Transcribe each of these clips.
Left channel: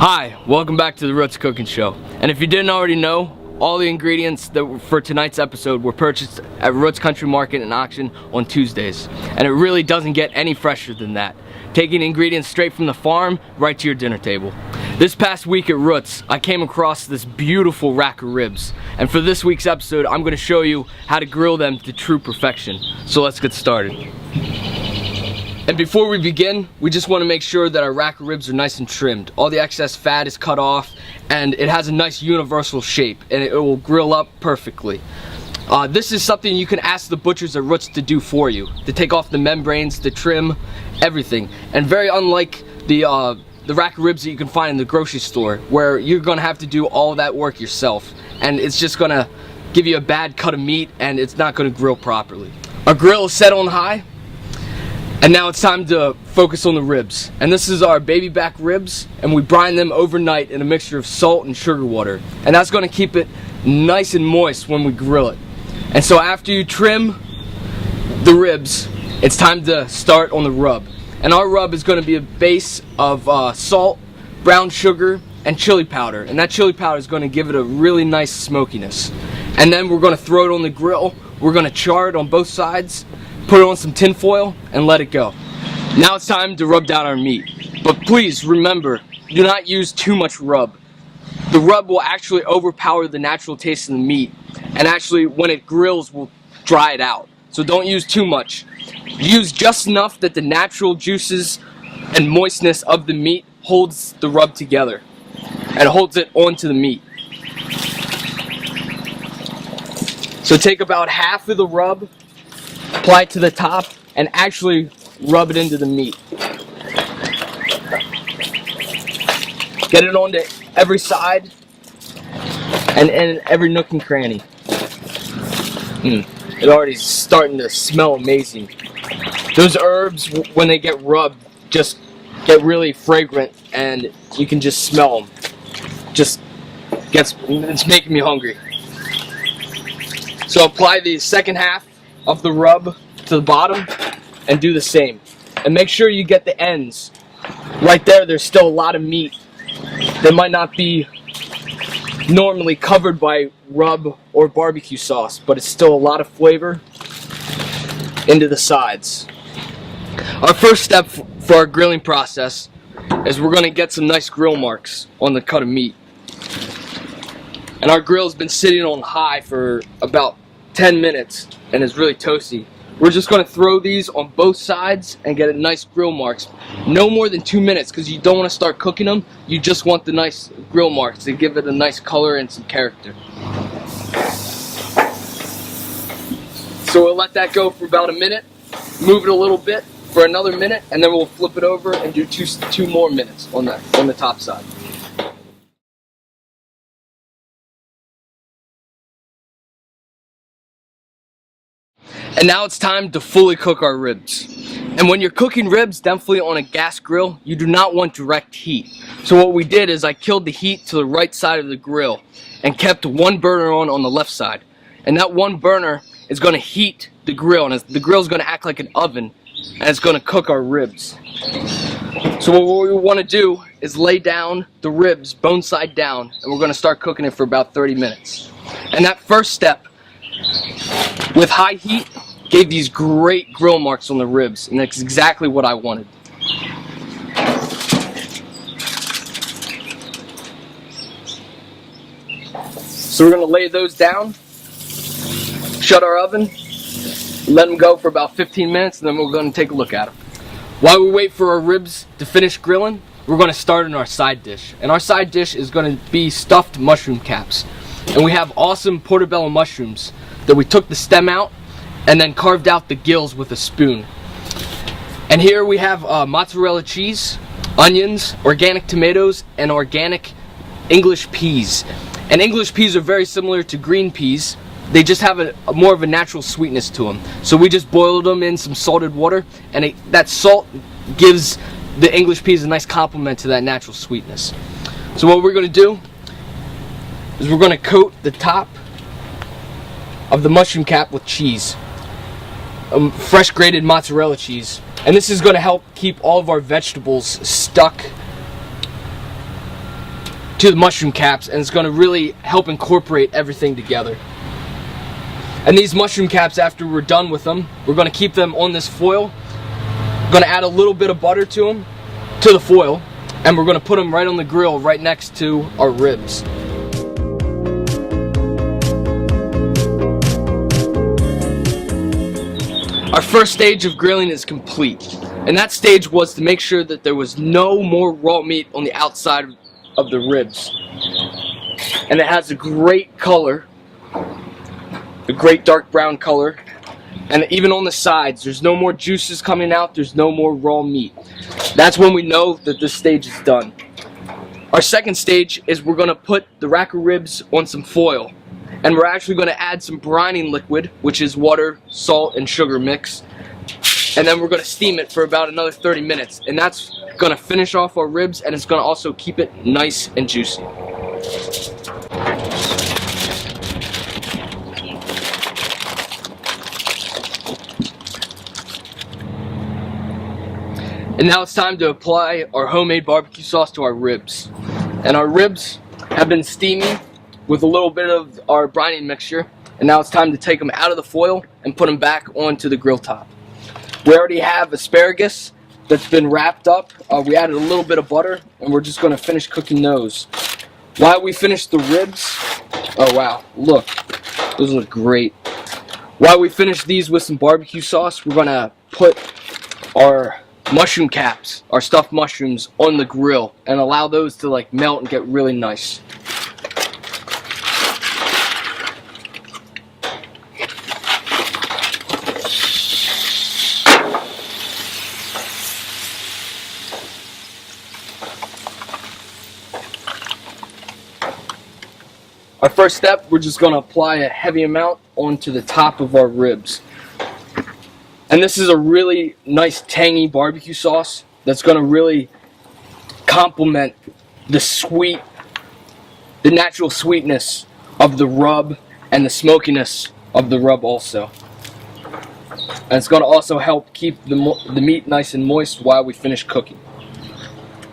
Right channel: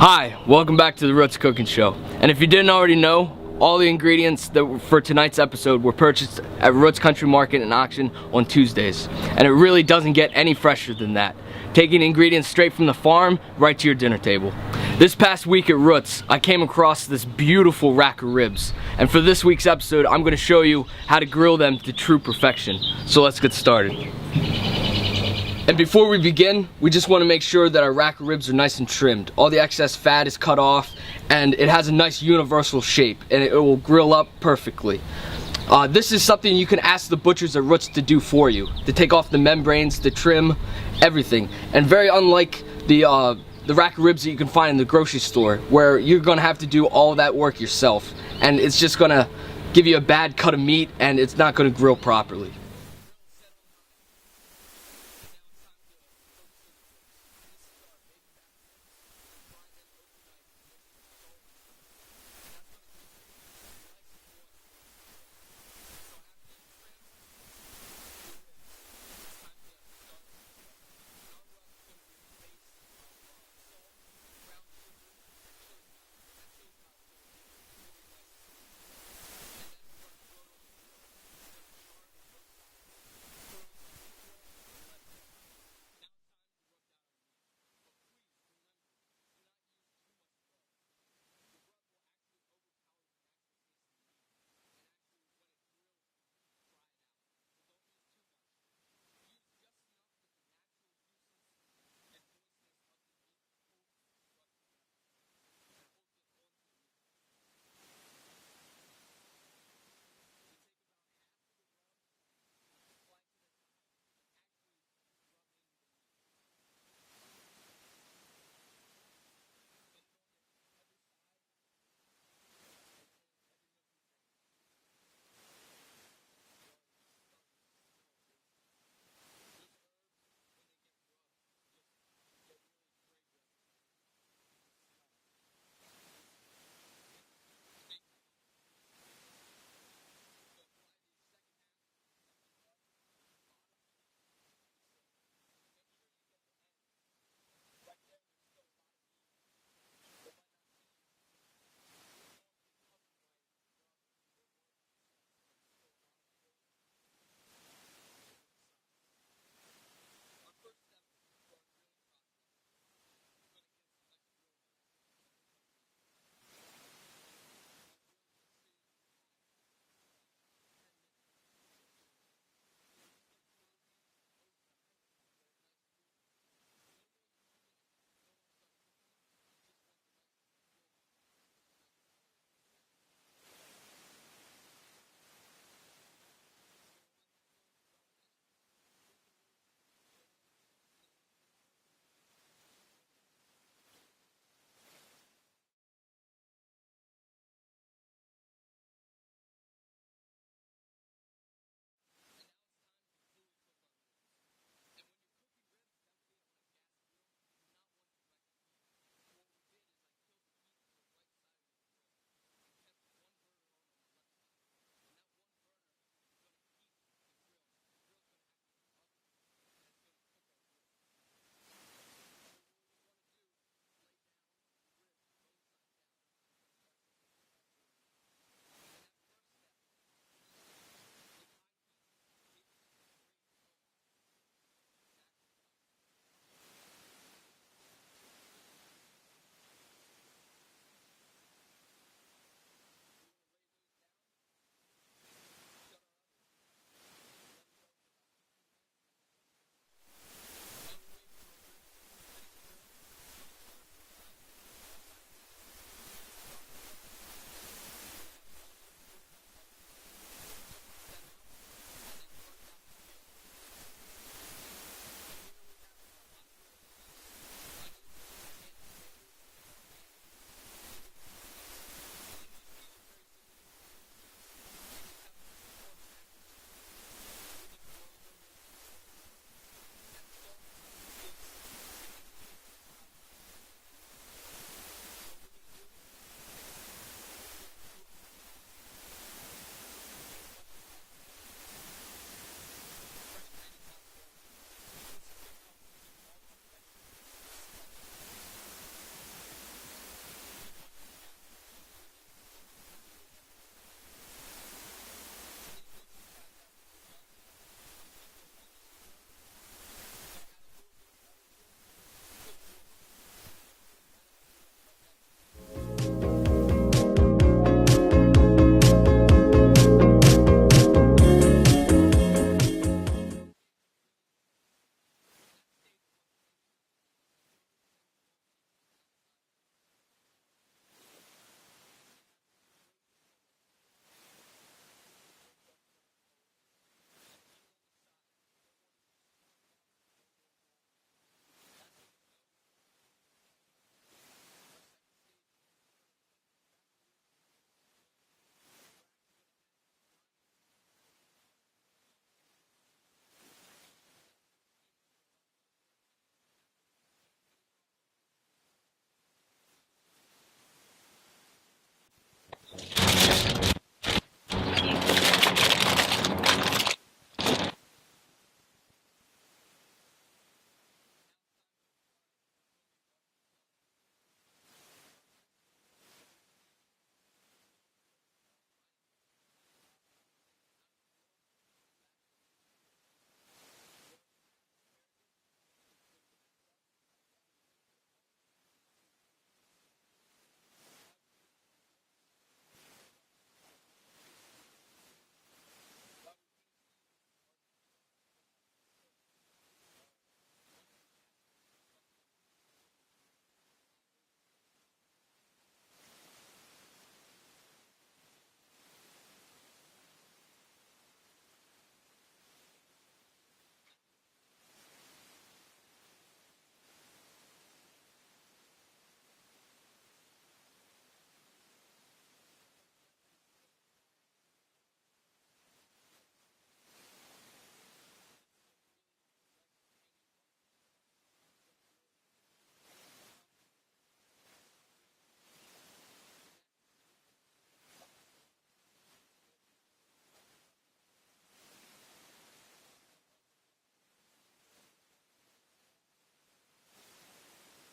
Hi, welcome back to the Roots Cooking Show. And if you didn't already know, all the ingredients for tonight's episode were purchased at Roots Country Market and Auction on Tuesdays. And it really doesn't get any fresher than that. Taking ingredients straight from the farm right to your dinner table. This past week at Roots, I came across this beautiful rack of ribs. And for this week's episode, I'm going to show you how to grill them to true perfection. So let's get started. And before we begin, we just want to make sure that our rack of ribs are nice and trimmed. All the excess fat is cut off, and it has a nice universal shape, and it will grill up perfectly. This is something you can ask the butchers at Roots to do for you, to take off the membranes, the trim, everything. And very unlike the rack of ribs that you can find in the grocery store, where you're going to have to do all that work yourself, and it's just going to give you a bad cut of meat, and it's not going to grill properly. Our grill is set on high. And now it's time to focus on the ribs. And this is our baby back ribs, and we brine them overnight in a mixture of salt and sugar water. And that's going to keep it nice and moist when we grill it. And so after you trim the ribs, it's time to start on the rub. And our rub is going to be a base of salt, brown sugar, and chili powder. And that chili powder is going to give it a really nice smokiness. And then we're going to throw it on the grill. We're going to char it on both sides, put it on some tin foil, and let it go. Now it's time to rub down our meat. But please remember, do not use too much rub. The rub will actually overpower the natural taste of the meat, and actually when it grills will dry it out. So don't use too much. Use just enough that the natural juices and moistness of the meat holds the rub together and holds it onto the meat. So take about half of the rub, apply it to the top, and actually rub it into the meat. Get it onto every side and every nook and cranny. It already is starting to smell amazing. Those herbs, when they get rubbed, just get really fragrant, and you can just smell them. It's making me hungry. So apply the second half of the rub to the bottom and do the same. And make sure you get the ends. Right there, there's still a lot of meat that might not be normally covered by rub or barbecue sauce, but it's still a lot of flavor into the sides. Our first step for our grilling process is we're going to get some nice grill marks on the cut of meat. And our grill's been sitting on high for about 10 minutes and is really toasty. We're just going to throw these on both sides and get a nice grill marks. No more than 2 minutes, because you don't want to start cooking them. You just want the nice grill marks to give it a nice color and some character. So we'll let that go for about a minute, move it a little bit for another minute, and then we'll flip it over and do two more minutes on the top side. And now it's time to fully cook our ribs. And when you're cooking ribs, definitely on a gas grill, you do not want direct heat. So what we did is I killed the heat to the right side of the grill and kept one burner on the left side. And that one burner is going to heat the grill, and the grill is going to act like an oven, and it's going to cook our ribs. So what we want to do is lay down the ribs bone side down, and we're going to start cooking it for about 30 minutes. And that first step, with high heat, gave these great grill marks on the ribs, and that's exactly what I wanted. So we're going to lay those down, shut our oven, let them go for about 15 minutes, and then we're going to take a look at them. While we wait for our ribs to finish grilling, we're going to start on our side dish. And our side dish is going to be stuffed mushroom caps. And we have awesome portobello mushrooms that we took the stem out and then carved out the gills with a spoon. And here we have mozzarella cheese, onions, organic tomatoes, and organic English peas. And English peas are very similar to green peas. They just have a more of a natural sweetness to them. So we just boiled them in some salted water, and that salt gives the English peas a nice complement to that natural sweetness. So what we're going to do is we're going to coat the top of the mushroom cap with cheese, fresh grated mozzarella cheese. And this is going to help keep all of our vegetables stuck to the mushroom caps, and it's going to really help incorporate everything together. And these mushroom caps, after we're done with them, we're going to keep them on this foil. We're going to add a little bit of butter to them, to the foil, and we're going to put them right on the grill right next to our ribs. Our first stage of grilling is complete, and that stage was to make sure that there was no more raw meat on the outside of the ribs. And it has a great color, a great dark brown color, and even on the sides there's no more juices coming out, there's no more raw meat. That's when we know that this stage is done. Our second stage is we're going to put the rack of ribs on some foil, and we're actually going to add some brining liquid, which is water, salt, and sugar mix, and then we're going to steam it for about another 30 minutes, and that's going to finish off our ribs, and it's going to also keep it nice and juicy. And now it's time to apply our homemade barbecue sauce to our ribs. And our ribs have been steaming with a little bit of our brining mixture, and now it's time to take them out of the foil and put them back onto the grill top. We already have asparagus that's been wrapped up. We added a little bit of butter, and we're just going to finish cooking those. While we finish the ribs, oh wow, look, those look great. While we finish these with some barbecue sauce, we're going to put our mushroom caps, our stuffed mushrooms, on the grill and allow those to like melt and get really nice. Our first step, we're just going to apply a heavy amount onto the top of our ribs. And this is a really nice tangy barbecue sauce that's going to really complement the natural sweetness of the rub and the smokiness of the rub also. And it's going to also help keep the meat nice and moist while we finish cooking.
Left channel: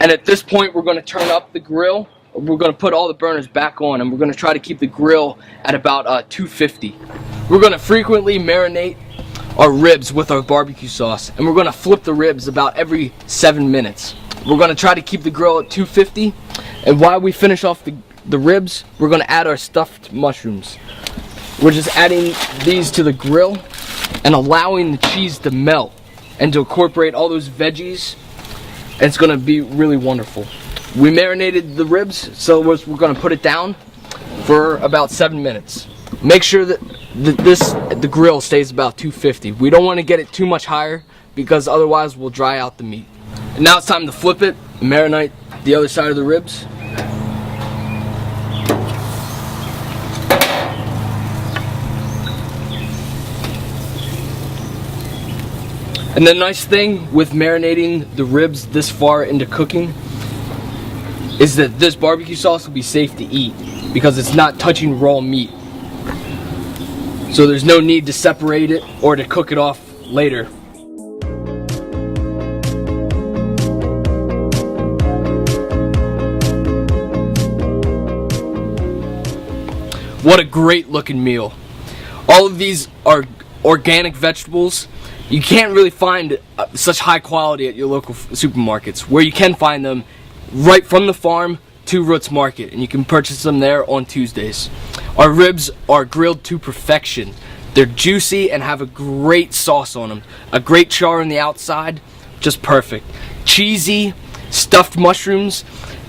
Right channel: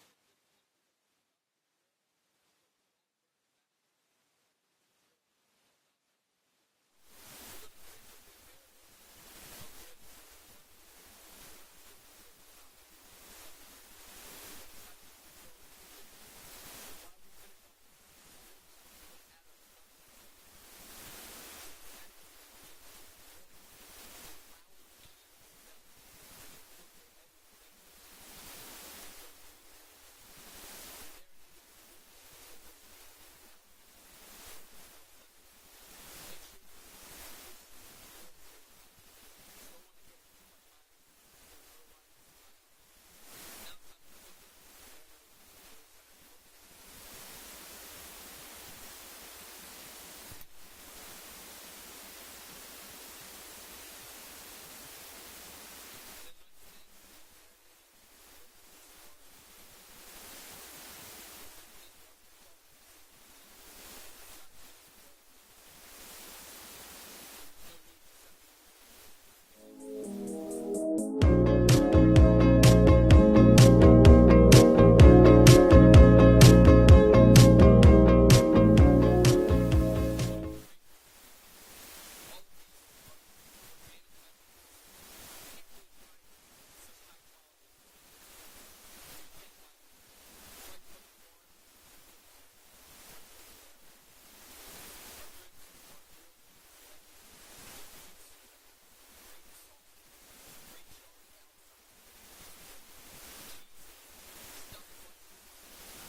And at this point, we're going to turn up the grill. We're going to put all the burners back on, and we're going to try to keep the grill at about 250. We're going to frequently marinate our ribs with our barbecue sauce, and we're going to flip the ribs about every 7 minutes. We're going to try to keep the grill at 250, and while we finish off the ribs, we're going to add our stuffed mushrooms. We're just adding these to the grill and allowing the cheese to melt and to incorporate all those veggies, and it's going to be really wonderful. We marinated the ribs, so we're going to put it down for about 7 minutes. Make sure that the grill stays about 250. We don't want to get it too much higher because otherwise we'll dry out the meat. And now it's time to flip it and marinate the other side of the ribs. And the nice thing with marinating the ribs this far into cooking is that this barbecue sauce will be safe to eat because it's not touching raw meat. So there's no need to separate it or to cook it off later. What a great looking meal. All of these are organic vegetables. You can't really find such high quality at your local supermarkets. Where you can find them, right from the farm to Roots Market, and you can purchase them there on Tuesdays. Our ribs are grilled to perfection. They're juicy and have a great sauce on them. A great char on the outside, just perfect. Cheesy, stuffed mushrooms,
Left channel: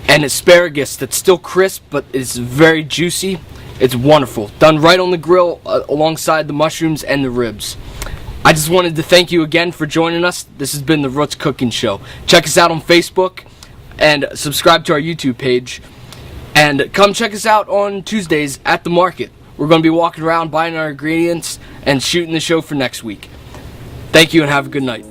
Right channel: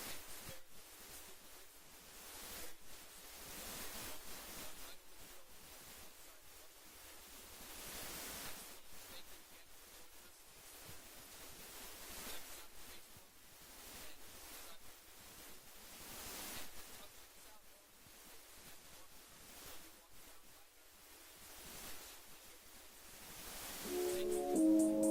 and asparagus that's still crisp but is very juicy. It's wonderful. Done right on the grill alongside the mushrooms and the ribs. I just wanted to thank you again for joining us. This has been the Roots Cooking Show. Check us out on Facebook and subscribe to our YouTube page. And come check us out on Tuesdays at the market. We're going to be walking around buying our ingredients and shooting the show for next week. Thank you and have a good night.